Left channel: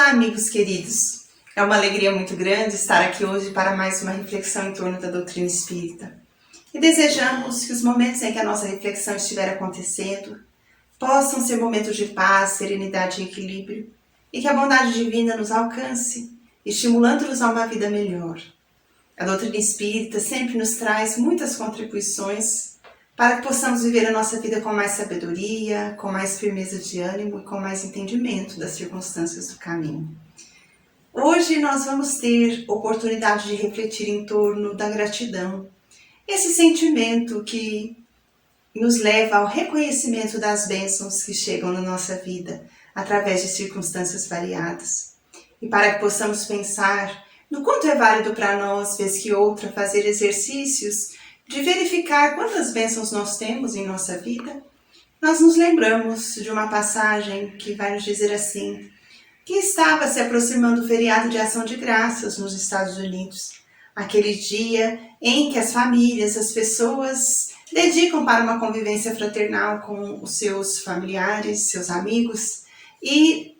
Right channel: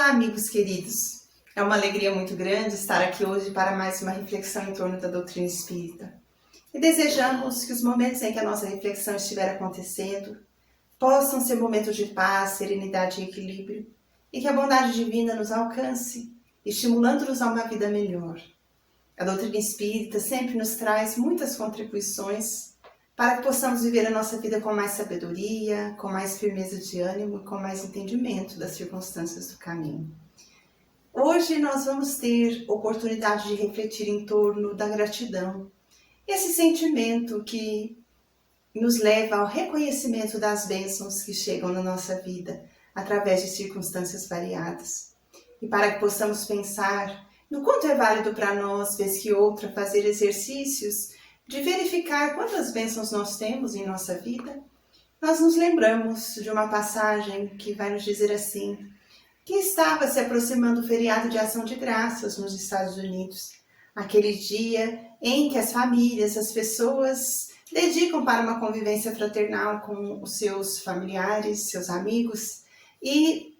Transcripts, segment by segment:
Olá, amigos queridos! É uma alegria muito grande estar aqui hoje para mais uma reflexão em torno da doutrina espírita. E desejamos que os momentos em que a nossa reflexão estiver acontecendo possam ser momentos de paz, serenidade e equilíbrio, e que a bondade divina nos alcance, estimulando-nos a uma vida melhor. A doutrina espírita sempre nos traz muitas contribuições para que possamos viver a nossa vida com mais sabedoria, com mais firmeza de ânimo e com mais entendimento das circunstâncias do caminho. Hoje nós vamos ter oportunidade de refletir em torno da gratidão, esse sentimento que nos leva ao reconhecimento das bênçãos que chegam na nossa vida através de circunstâncias variadas. E para que possamos pensar no quanto é válido para nós, vez que outra, fazer exercícios de verificar quantas bênçãos nós temos em nossa vida, nós nos lembramos de uma passagem que vai nos dizer assim, que estava se aproximando o feriado de Ação de Graças nos Estados Unidos, aquele dia em que as famílias, as pessoas dedicam para uma convivência fraternal com os seus familiares, seus amigos e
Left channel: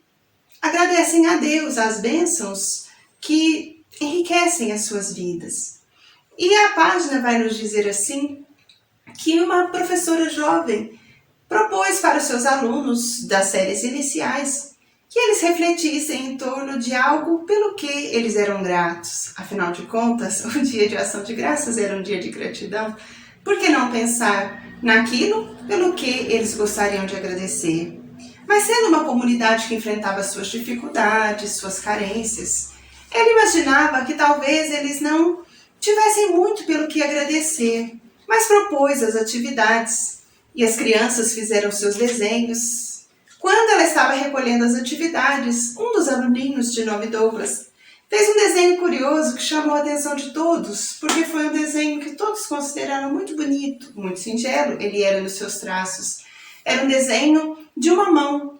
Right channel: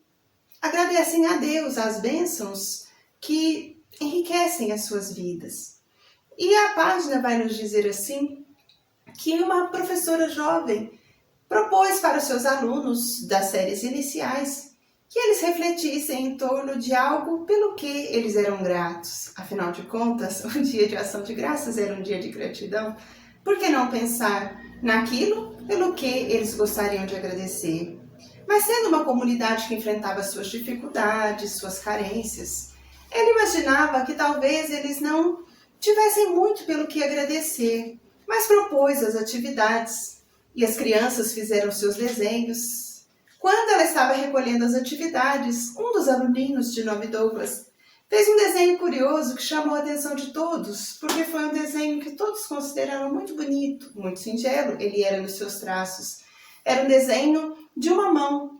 agradecem a Deus as bênçãos que enriquecem as suas vidas. E a página vai nos dizer assim, que uma professora jovem propôs para os seus alunos das séries iniciais que eles refletissem em torno de algo pelo que eles eram gratos. Afinal de contas, o dia de Ação de Graças era um dia de gratidão. Por que não pensar naquilo pelo que eles gostariam de agradecer? Mas sendo uma comunidade que enfrentava suas dificuldades, suas carências, ela imaginava que talvez eles não tivessem muito pelo que agradecer, mas propôs as atividades e as crianças fizeram seus desenhos. Quando ela estava recolhendo as atividades, um dos aluninhos, de nome Douglas, fez um desenho curioso que chamou a atenção de todos, porque foi um desenho que todos consideraram muito bonito, muito singelo, ele era nos seus traços. Era um desenho de uma mão,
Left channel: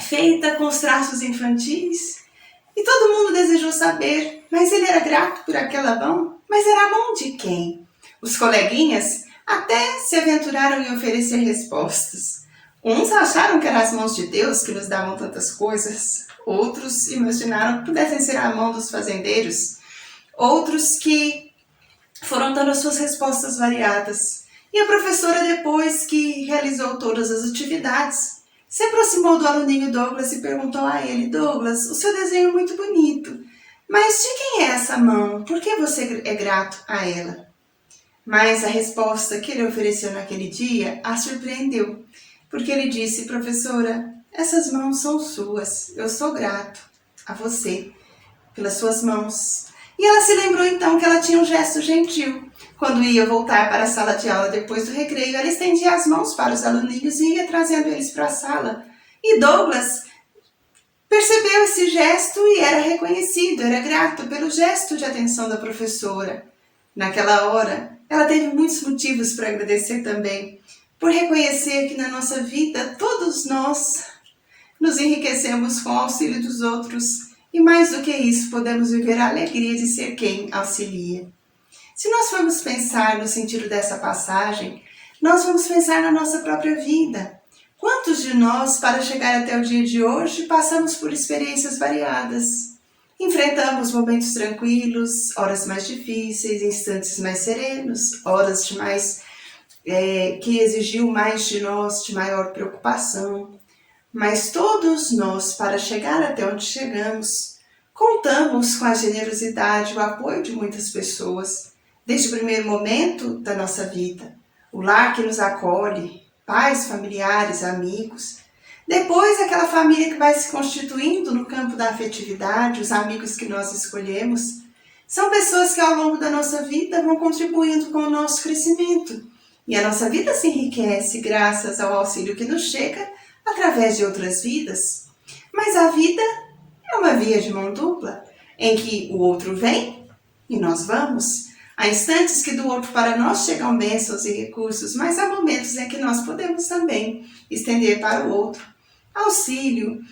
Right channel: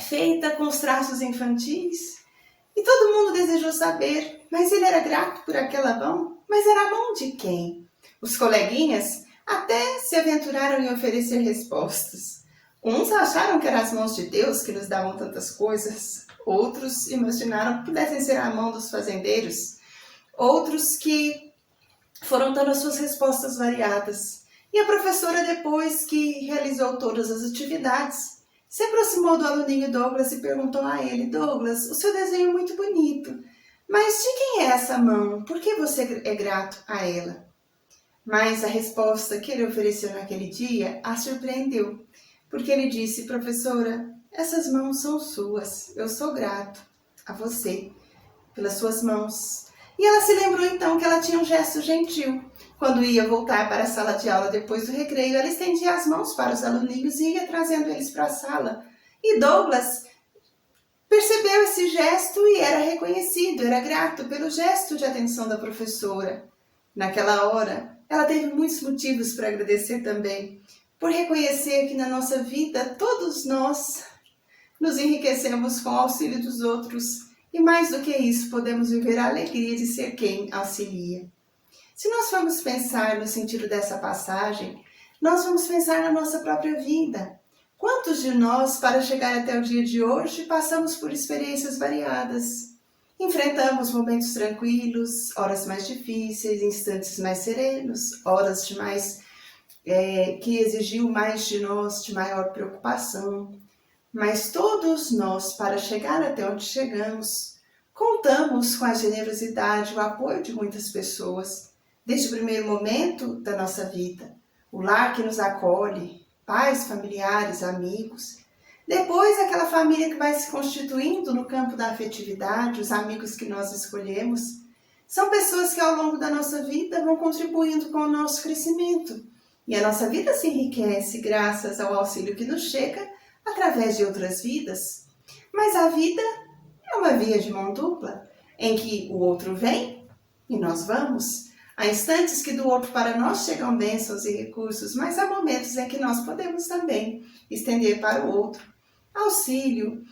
feita com os traços infantis, e todo mundo desejou saber, mas ele era grato por aquela mão? Mas era a mão de quem? Os coleguinhas até se aventuraram em oferecer respostas. Uns acharam que eram as mãos de Deus que nos davam tantas coisas, outros imaginaram que pudessem ser a mão dos fazendeiros, outros que foram dando as suas respostas variadas. E a professora, depois que realizou todas as atividades, se aproximou do aluninho Douglas e perguntou a ele: Douglas, o seu desenho é muito bonito, mas de quem é essa mão? Por que você é grato a ela? Mas a resposta que ele ofereceu naquele dia a surpreendeu, porque ele disse: professora, essas mãos são suas, eu sou grato a você pelas suas mãos. E ela se lembrou então que ela tinha um gesto gentil. Quando ia voltar para a sala de aula depois do recreio, ela estendia as mãos para os aluninhos e ia trazendo eles para a sala. E Douglas percebeu esse gesto e era reconhecido, era grato pelo gesto de atenção da professora. Naquela hora, ela teve muitos motivos para agradecer também, por reconhecer que na nossa vida todos nós nos enriquecemos com o auxílio dos outros e mais do que isso podemos viver a alegria de ser quem auxilia. Se nós formos pensar no sentido dessa passagem, nós vamos pensar na nossa própria vida. Quantos de nós, para chegar até o dia de hoje, passamos por experiências variadas? Enfrentamos momentos tranquilos, horas mais difíceis, instantes mais serenos, horas de que exigiu mais de nós, de maior preocupação. Mas todos nós, para chegar até onde chegamos, contamos com a generosidade e o apoio de muitas pessoas, desde o primeiro momento da nossa vida, o lar que nos acolhe, pais, familiares, amigos. Depois, aquela família que vai se constituindo no campo da afetividade, os amigos que nós escolhemos. São pessoas que ao longo da nossa vida vão contribuindo com o nosso crescimento. E a nossa vida se enriquece graças ao auxílio que nos chega através de outras vidas. Mas a vida é uma via de mão dupla, em que o outro vem e nós vamos. Há instantes que do outro para nós chegam bênçãos e recursos, mas há momentos em que nós podemos também estender para o outro auxílio,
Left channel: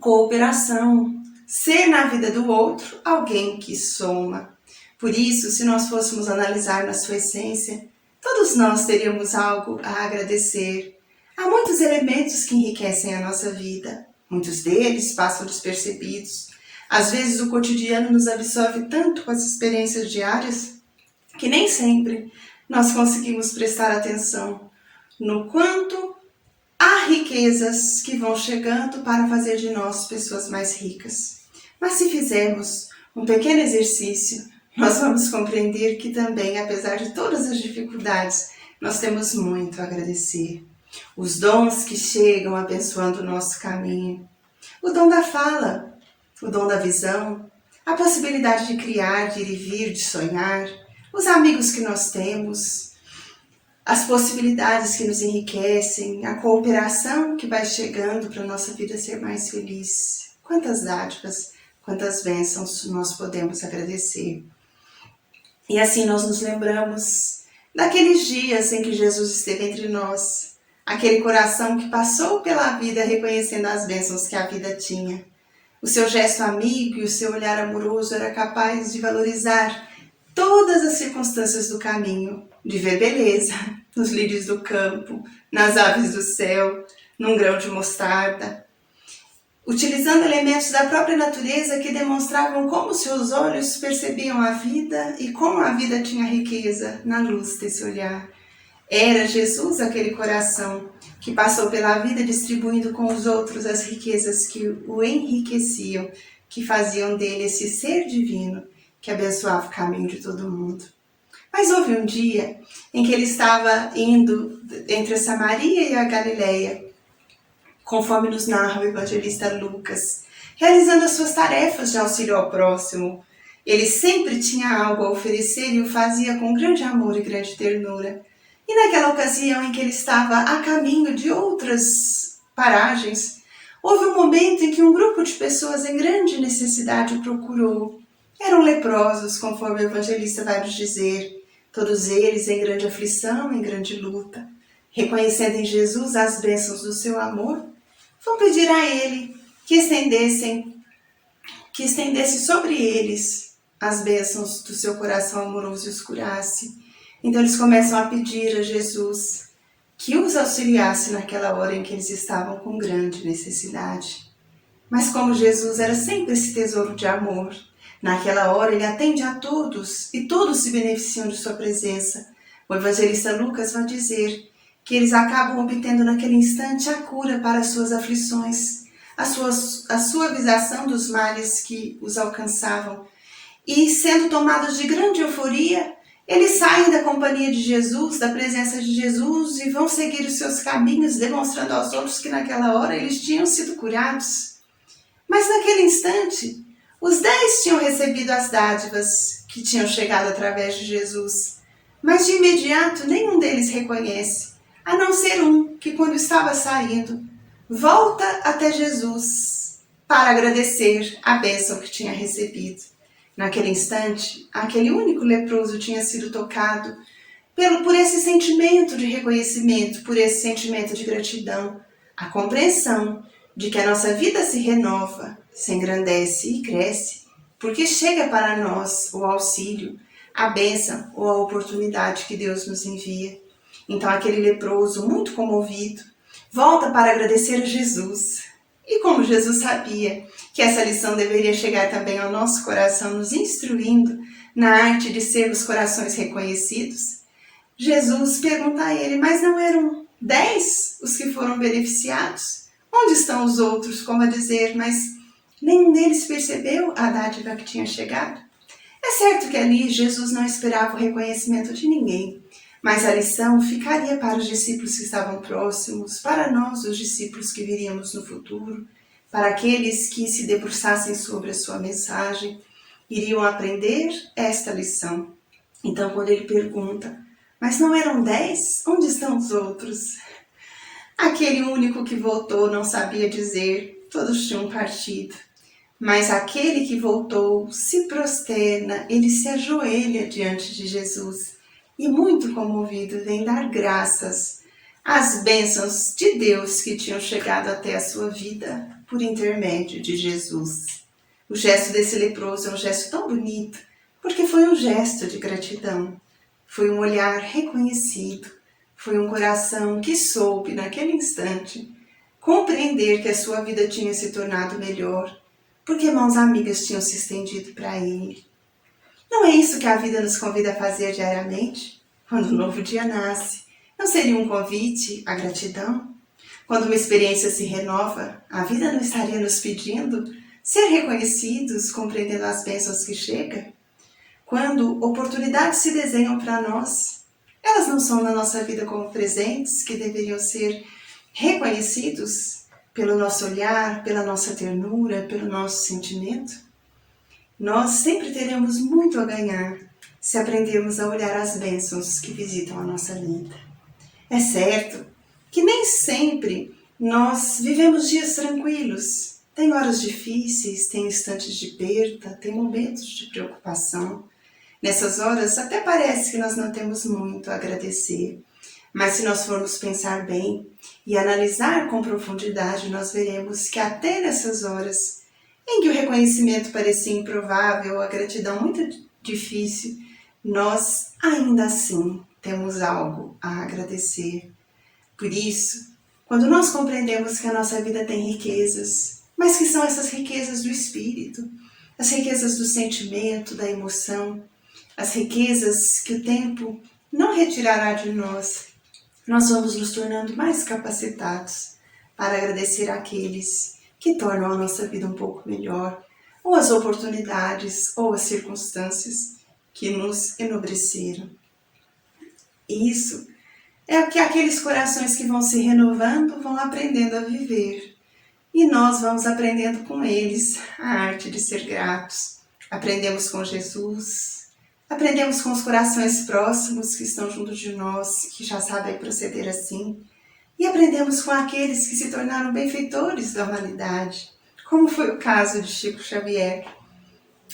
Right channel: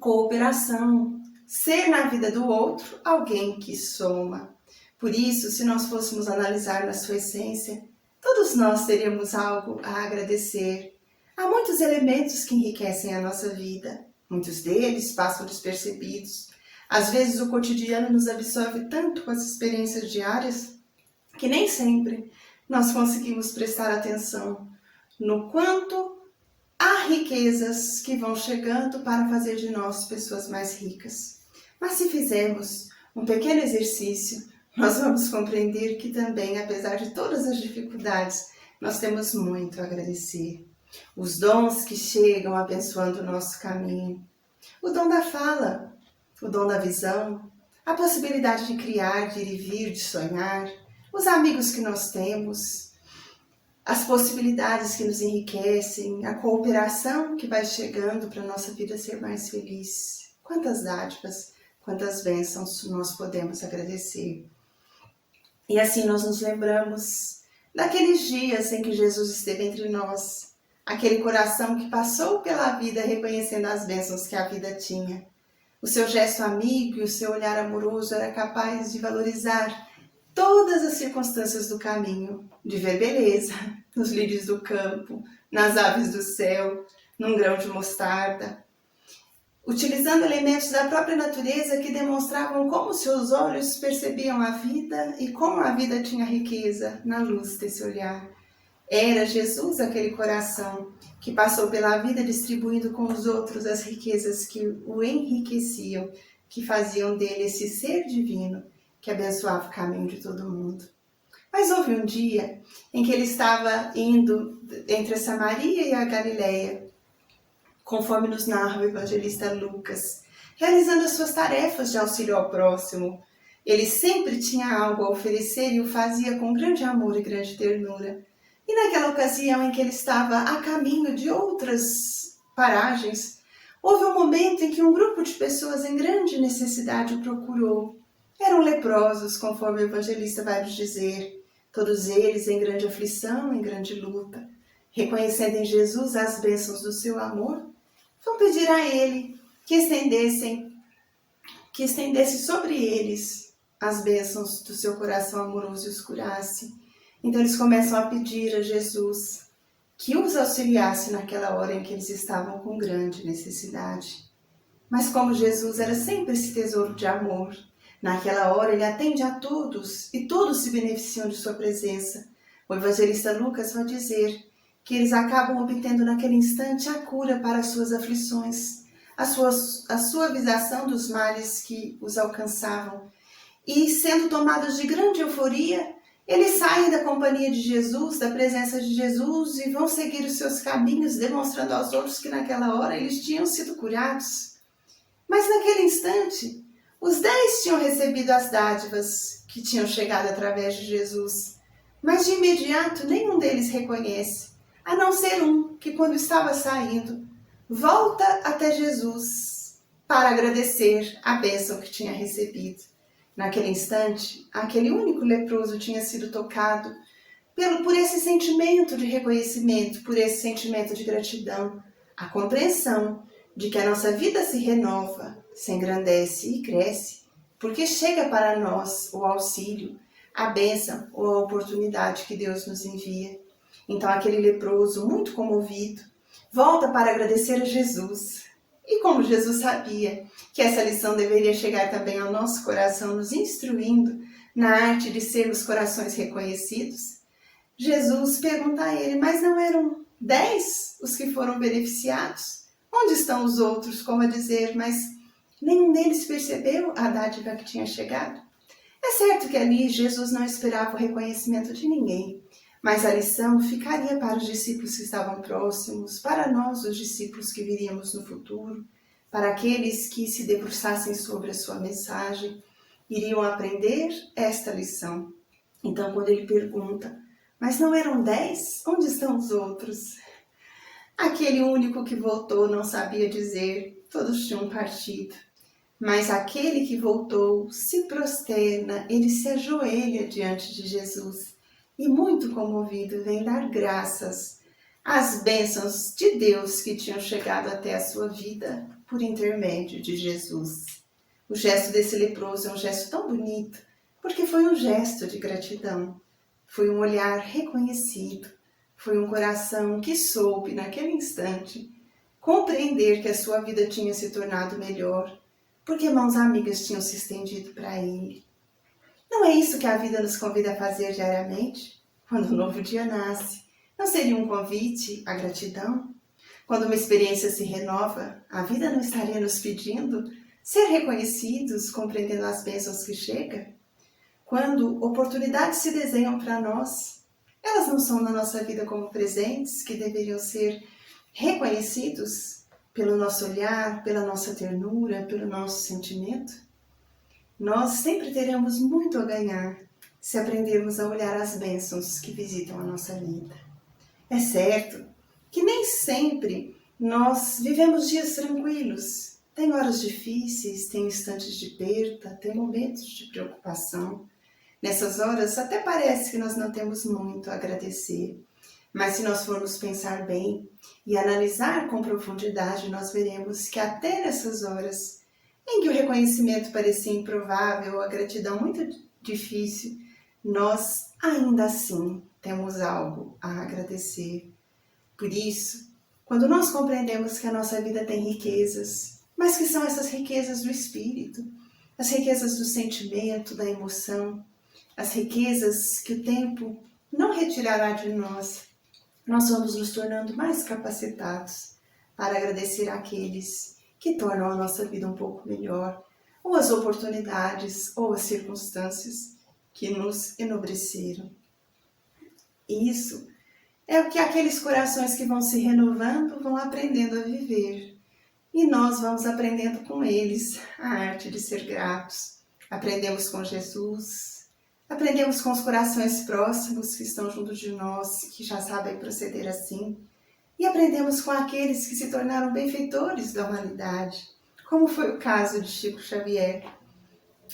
cooperação, ser na vida do outro alguém que soma. Por isso, se nós fôssemos analisar na sua essência, todos nós teríamos algo a agradecer. Há muitos elementos que enriquecem a nossa vida, Muitos deles passam despercebidos. Às vezes o cotidiano nos absorve tanto com as experiências diárias que nem sempre nós conseguimos prestar atenção no quanto há riquezas que vão chegando para fazer de nós pessoas mais ricas. Mas se fizermos um pequeno exercício, nós vamos compreender que também, apesar de todas as dificuldades, nós temos muito a agradecer. Os dons que chegam abençoando o nosso caminho. O dom da fala, o dom da visão, a possibilidade de criar, de ir e vir, de sonhar, os amigos que nós temos, as possibilidades que nos enriquecem, a cooperação que vai chegando para a nossa vida ser mais feliz. Quantas dádivas, quantas bênçãos nós podemos agradecer. E assim nós nos lembramos daqueles dias em que Jesus esteve entre nós, aquele coração que passou pela vida reconhecendo as bênçãos que a vida tinha. O seu gesto amigo e o seu olhar amoroso era capaz de valorizar todas as circunstâncias do caminho, de ver beleza nos lírios do campo, nas aves do céu, num grão de mostarda, utilizando elementos da própria natureza que demonstravam como seus olhos percebiam a vida e como a vida tinha riqueza na luz desse olhar. Era Jesus aquele coração que passou pela vida distribuindo com os outros as riquezas que o enriqueciam, que faziam dele esse ser divino que abençoava o caminho de todo mundo. Mas houve um dia em que ele estava indo entre a Samaria e a Galileia, conforme nos narra o evangelista Lucas, realizando as suas tarefas de auxílio ao próximo. Ele sempre tinha algo a oferecer e o fazia com grande amor e grande ternura. E naquela ocasião em que ele estava a caminho de outras paragens, houve um momento em que um grupo de pessoas em grande necessidade o procurou. Eram leprosos, conforme o evangelista vai nos dizer, todos eles em grande aflição, em grande luta. Reconhecendo em Jesus as bênçãos do seu amor, vão pedir a ele que estendesse sobre eles as bênçãos do seu coração amoroso e os curasse. Então eles começam a pedir a Jesus que os auxiliasse naquela hora em que eles estavam com grande necessidade. Mas como Jesus era sempre esse tesouro de amor, naquela hora ele atende a todos e todos se beneficiam de sua presença. O evangelista Lucas vai dizer que eles acabam obtendo naquele instante a cura para as suas aflições, a suavização dos males que os alcançavam. E sendo tomados de grande euforia, eles saem da companhia de Jesus, da presença de Jesus e vão seguir os seus caminhos, demonstrando aos outros que naquela hora eles tinham sido curados. Mas naquele instante, os 10 tinham recebido as dádivas que tinham chegado através de Jesus. Mas de imediato nenhum deles reconhece, a não ser um que quando estava saindo, volta até Jesus para agradecer a bênção que tinha recebido. Naquele instante, aquele único leproso tinha sido tocado por esse sentimento de reconhecimento, por esse sentimento de gratidão, a compreensão de que a nossa vida se renova, se engrandece e cresce, porque chega para nós o auxílio, a bênção ou a oportunidade que Deus nos envia. Então aquele leproso, muito comovido, volta para agradecer a Jesus. E como Jesus sabia que essa lição deveria chegar também ao nosso coração, nos instruindo na arte de sermos corações reconhecidos, Jesus pergunta a ele, mas não eram 10 os que foram beneficiados? Onde estão os outros? Como a dizer, mas nenhum deles percebeu a dádiva que tinha chegado? É certo que ali Jesus não esperava o reconhecimento de ninguém, mas a lição ficaria para os discípulos que estavam próximos, para nós, os discípulos que viríamos no futuro, para aqueles que se debruçassem sobre a sua mensagem, iriam aprender esta lição. Então, quando ele pergunta, mas não eram 10? Onde estão os outros? Aquele único que voltou não sabia dizer, todos tinham partido. Mas aquele que voltou se prosterna, ele se ajoelha diante de Jesus e muito comovido vem dar graças às bênçãos de Deus que tinham chegado até a sua vida por intermédio de Jesus. O gesto desse leproso é um gesto tão bonito, porque foi um gesto de gratidão, foi um olhar reconhecido, foi um coração que soube naquele instante compreender que a sua vida tinha se tornado melhor, porque mãos amigas tinham se estendido para ele. Não é isso que a vida nos convida a fazer diariamente? Quando um novo dia nasce, não seria um convite à gratidão? Quando uma experiência se renova, a vida não estaria nos pedindo ser reconhecidos, compreendendo as bênçãos que chegam? Quando oportunidades se desenham para nós, elas não são na nossa vida como presentes que deveriam ser reconhecidos pelo nosso olhar, pela nossa ternura, pelo nosso sentimento? Nós sempre teremos muito a ganhar se aprendermos a olhar as bênçãos que visitam a nossa vida. É certo que nem sempre nós vivemos dias tranquilos. Tem horas difíceis, tem instantes de perda, tem momentos de preocupação. Nessas horas até parece que nós não temos muito a agradecer. Mas se nós formos pensar bem e analisar com profundidade, nós veremos que até nessas horas em que o reconhecimento parecia improvável, a gratidão muito difícil, nós ainda assim temos algo a agradecer. Por isso, quando nós compreendemos que a nossa vida tem riquezas, mas que são essas riquezas do espírito, as riquezas do sentimento, da emoção, as riquezas que o tempo não retirará de nós, nós vamos nos tornando mais capacitados para agradecer àqueles que tornam a nossa vida um pouco melhor, ou as oportunidades, ou as circunstâncias que nos enobreceram. Isso é o que aqueles corações que vão se renovando vão aprendendo a viver. E nós vamos aprendendo com eles a arte de ser gratos. Aprendemos com Jesus, aprendemos com os corações próximos que estão junto de nós, que já sabem proceder assim. E aprendemos com aqueles que se tornaram benfeitores da humanidade, como foi o caso de Chico Xavier.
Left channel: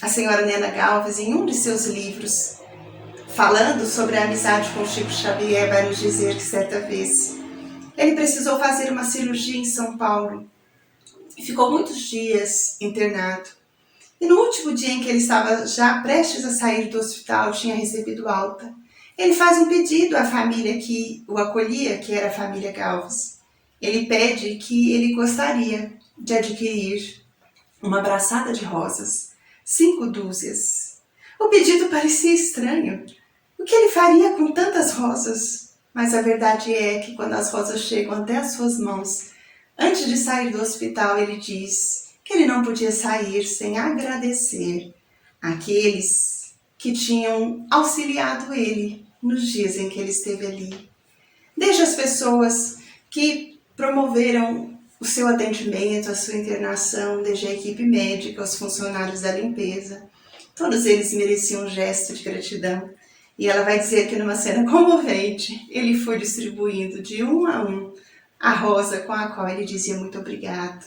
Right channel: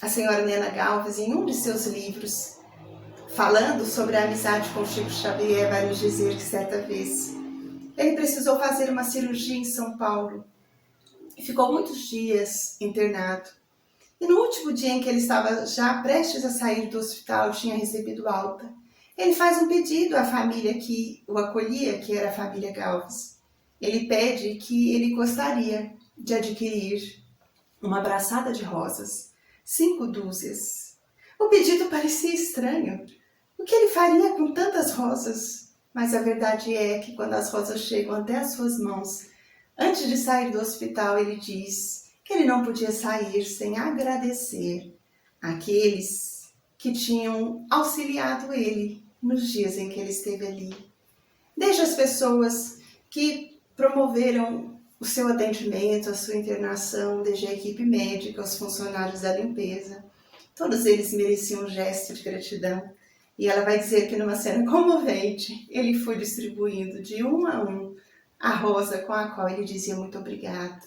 A senhora Nena Galves, em um de seus livros, falando sobre a amizade com Chico Xavier, vai nos dizer que certa vez ele precisou fazer uma cirurgia em São Paulo e ficou muitos dias internado. E no último dia em que ele estava já prestes a sair do hospital, tinha recebido alta, ele faz um pedido à família que o acolhia, que era a família Galves. Ele pede que ele gostaria de adquirir uma braçada de rosas, 5 dúzias. O pedido parecia estranho. O que ele faria com tantas rosas? Mas a verdade é que quando as rosas chegam até as suas mãos, antes de sair do hospital, ele diz que ele não podia sair sem agradecer àqueles que tinham auxiliado ele nos dias em que ele esteve ali. Desde as pessoas que promoveram o seu atendimento, a sua internação, desde a equipe médica, os funcionários da limpeza, todos eles mereciam um gesto de gratidão. E ela vai dizer que numa cena comovente, ele foi distribuindo de um a um a rosa com a qual ele dizia muito obrigado.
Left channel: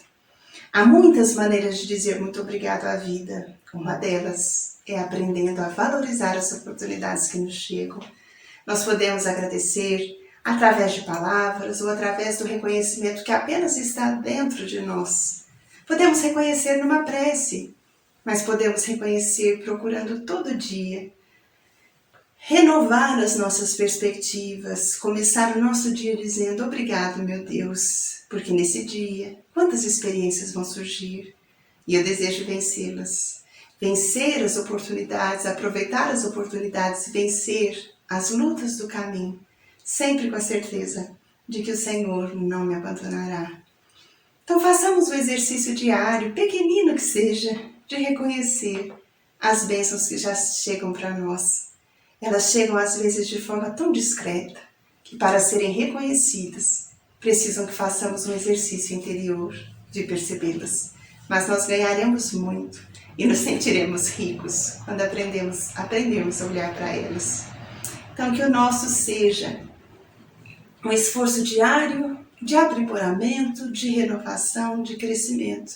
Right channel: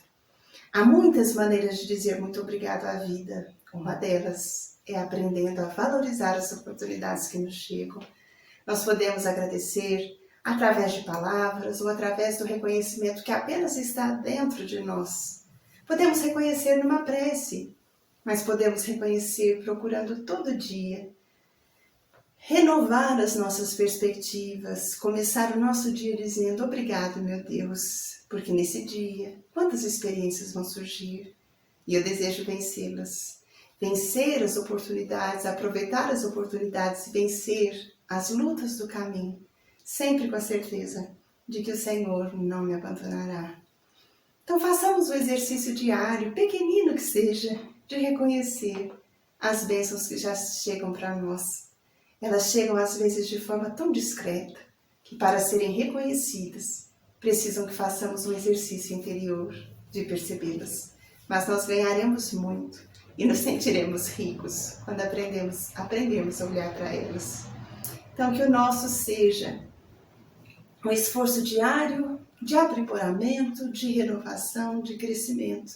Há muitas maneiras de dizer muito obrigado à vida. Uma delas é aprendendo a valorizar as oportunidades que nos chegam. Nós podemos agradecer através de palavras ou através do reconhecimento que apenas está dentro de nós. Podemos reconhecer numa prece, mas podemos reconhecer procurando todo dia renovar as nossas perspectivas, começar o nosso dia dizendo obrigado, meu Deus, porque nesse dia quantas experiências vão surgir e eu desejo vencê-las. Vencer as oportunidades, aproveitar as oportunidades, vencer as lutas do caminho, sempre com a certeza de que o Senhor não me abandonará. Então façamos o exercício diário, pequenino que seja, de reconhecer as bênçãos que já chegam para nós. Elas chegam às vezes de forma tão discreta que para serem reconhecidas precisam que façamos um exercício interior de percebê-las. Mas nós ganharemos muito e nos sentiremos ricos quando aprendemos a olhar para elas. Então que o nosso seja um esforço diário de aprimoramento, de renovação, de crescimento.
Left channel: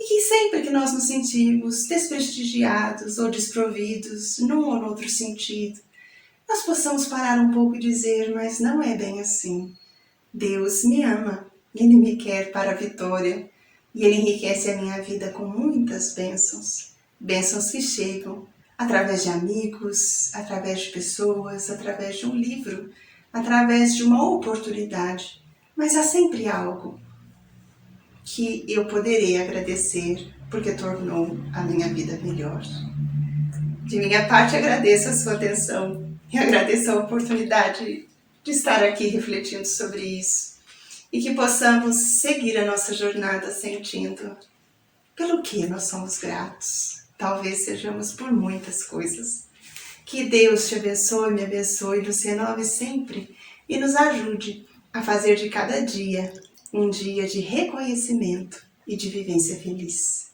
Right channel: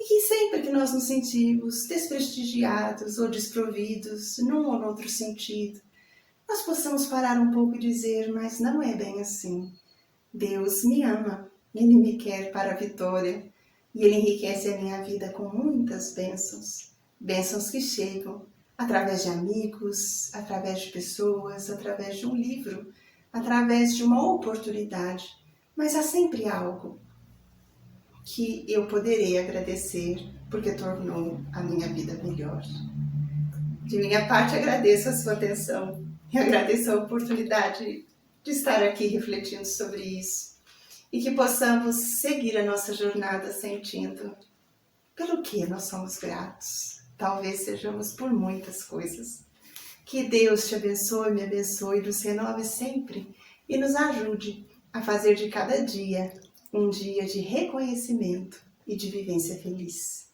E que sempre que nós nos sentirmos desprestigiados ou desprovidos num ou outro sentido, nós possamos parar um pouco e dizer, mas não é bem assim. Deus me ama, Ele me quer para a vitória e Ele enriquece a minha vida com muitas bênçãos. Bênçãos que chegam através de amigos, através de pessoas, através de um livro, através de uma oportunidade. Mas há sempre algo que eu poderei agradecer porque tornou a minha vida melhor. De minha parte, agradeço a sua atenção e agradeço a oportunidade de estar aqui refletindo sobre isso e que possamos seguir a nossa jornada sentindo pelo que nós somos gratos. Talvez sejamos por muitas coisas. Que Deus te abençoe, me abençoe, nos renove sempre e nos ajude a fazer de cada dia um dia de reconhecimento e de vivência feliz.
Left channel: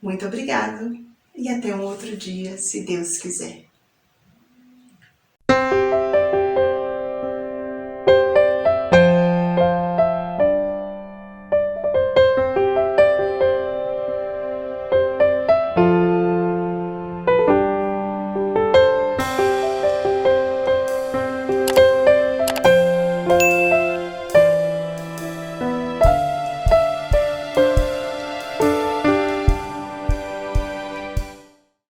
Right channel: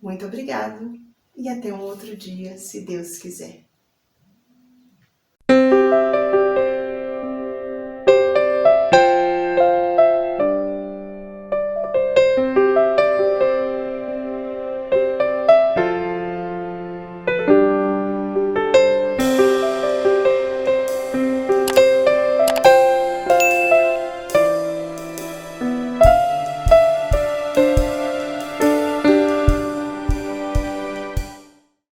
Muito obrigado e até um outro dia, se Deus quiser.